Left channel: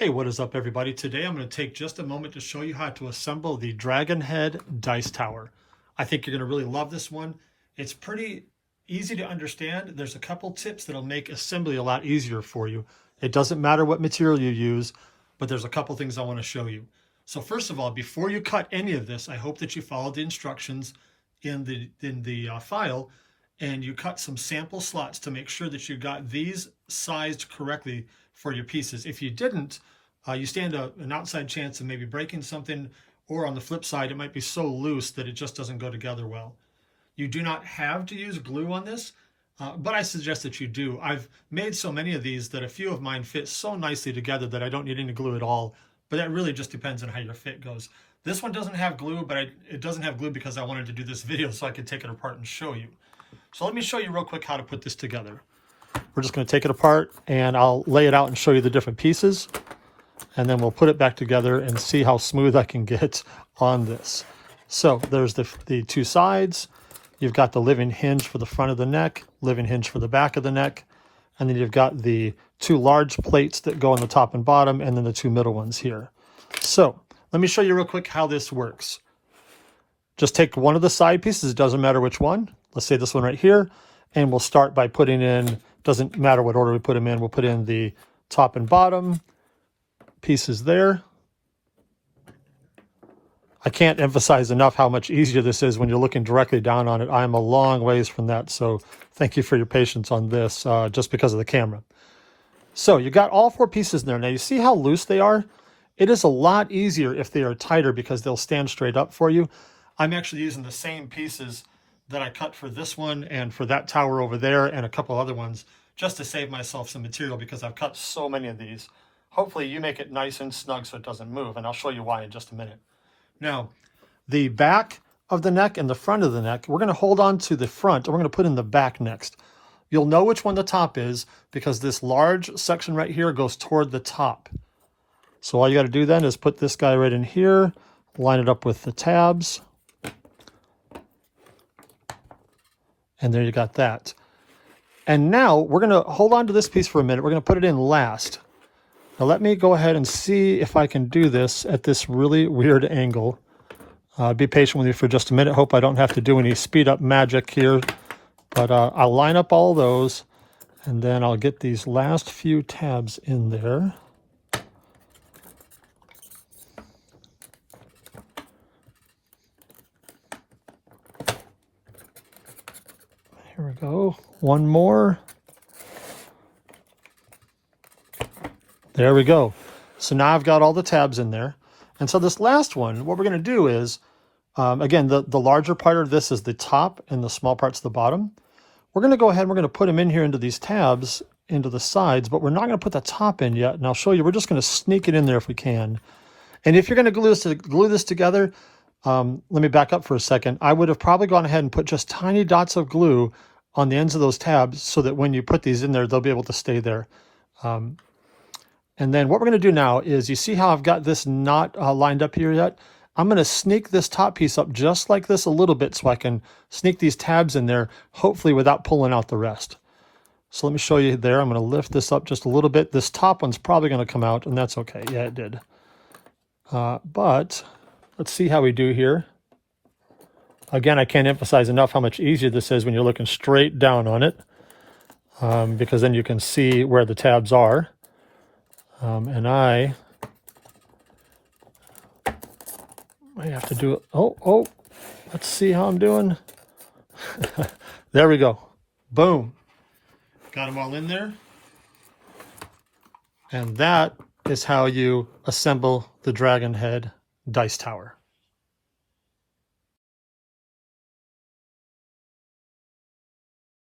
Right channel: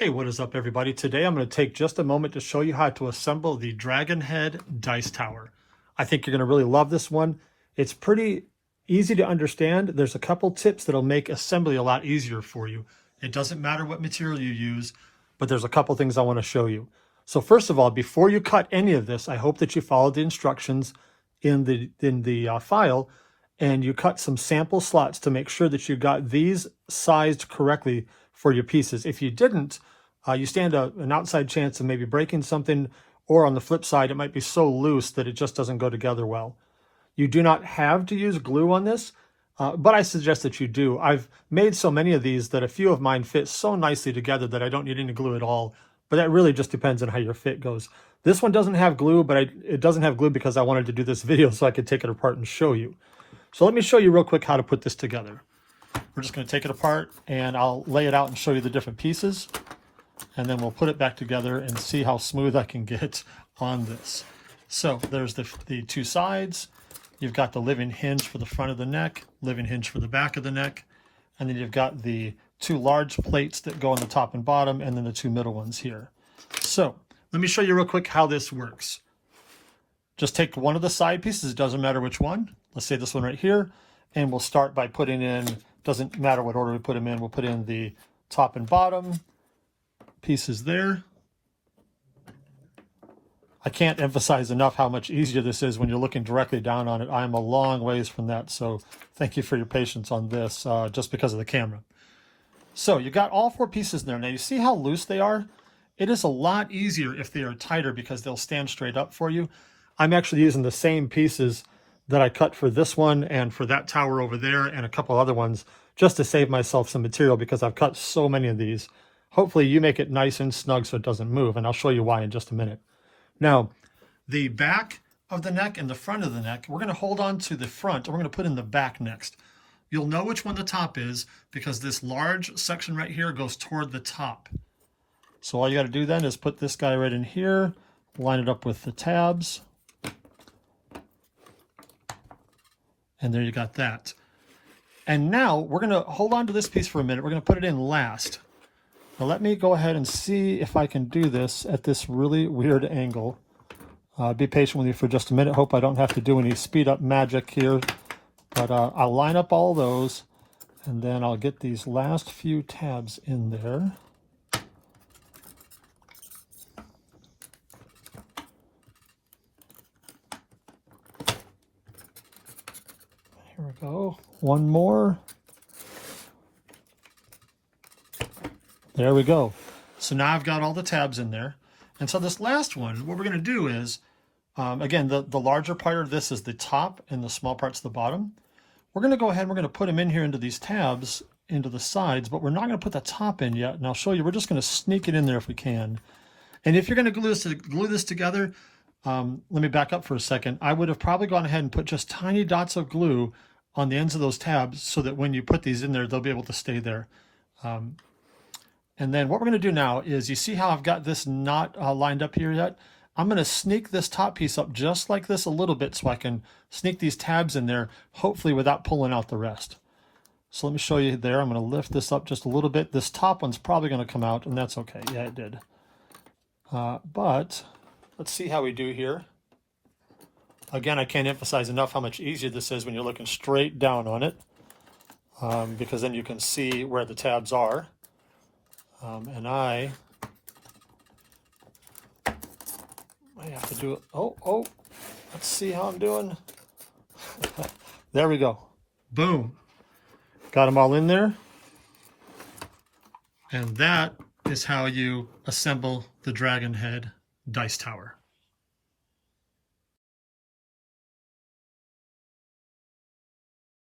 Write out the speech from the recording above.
Hey, what is up everybody? Today I'm going to take just a moment to show you how to assemble the Dragon Head Dice Tower. I think you're going to really love this one. It's pretty easy to understand. There's a couple tips that'll make assembly a lot easier for you. It doesn't matter what material you use, but there's a couple things I want to show you. So first of all, before you cut any of this, I hope that you follow the instructions in the file and you cut some sample slots to make sure that you got these sized correctly for your pieces. If you didn't, you stand an outside chance of maybe breaking something, or on the flip side, it might be so loose that it just doesn't go together well. You do not have to use glue on this, but I suggest that you do. I've made so many of these that a few of mine fit so nicely together that I don't need any glue at all, but that really just depends on how your fit goes. This one doesn't have glue, but it doesn't have glue because I wanted to do this video so I could take it apart and show you. So let me show you real quick how to put this together. We're just going to take it apart and I'll lay it out and show you the different pieces. And then we'll put it back together and see how smooth I can get on this. So there's the two sides. You've got the living hinge for the front of the neck, living hinge for the back of the neck. And then you've got the two large plates that go on the top and bottom, and then the two middle ones here. So let me show you real quick how this works. Just take one of the side pieces, it doesn't matter which one. Let's say this one right here, and we'll start by putting in, doesn't matter what order we put them in, we'll put in the top and bottom pieces there. I can't emphasize enough how much easier this is when you're looking directly down on it. I'm a long ways from that, so thank you for your patience on this, just because of the camera. So you got all four pieces in there. Now you see how loose they are? It is a lot easier if they are tighter because they'll stand straight up for you. I'm actually using the same pieces that I cut for this one and for that tower over there and a couple other ones just to save myself some material because I've cut so many of these. Hopefully you make it nice and snug so it doesn't move, and I'll show you why in just a minute. Now, the back of the neck and the front of the neck, we're going to hold on to the front and we're going to put in the back next. You'll know which one the top is because this large section right here goes toward the top. So all you got to do then is put this guy right in here, line it up with the tabs. And there you got that. And now we're going to hold on to this piece for a minute. We're going to put it in last. Now let me go ahead and see if I can do this at this really weird angle. Be patient with me for just a minute. Hope I don't have to do any speed up magic here. But I'll line up all those and then I'll get these last few tabs in there. Here we go. One more. There we go. So now I've got all the tabs in there. And so this last one, what we're going to do is, again, the larger part of this is the top and the small part's the bottom. We're going to go ahead and we're going to put them in here into these tabs, into the sides, but we're not going to put the top in yet. And I'll show you, we're just going to sneak it in there if we can. And if you're going to glue this together, let me back up for a second. I would have probably gone ahead and put just tiny dots of glue on the ends of those tabs so that when you put these in there, they'll be able to stay there. And then what we're going to do now is, you see how I've got this not lined up here yet? I'm going to sneak this top piece up just like this a little bit so I can sneak these tabs in there, hopefully without pulling out the rest. So let me show you there. I'm going to lift this up just a little bit. This top one's probably going to come out, and that's okay. Yeah, it did. But let's see how we do here. Again, I can't emphasize enough how much easier this is when you're looking straight down on it, because then you can see where the tabs are. And I have to do it. Oh, let's see how I'm doing. There we go. Boom. Got them all in there. And that is how you assemble the Dragon Head Dice Tower.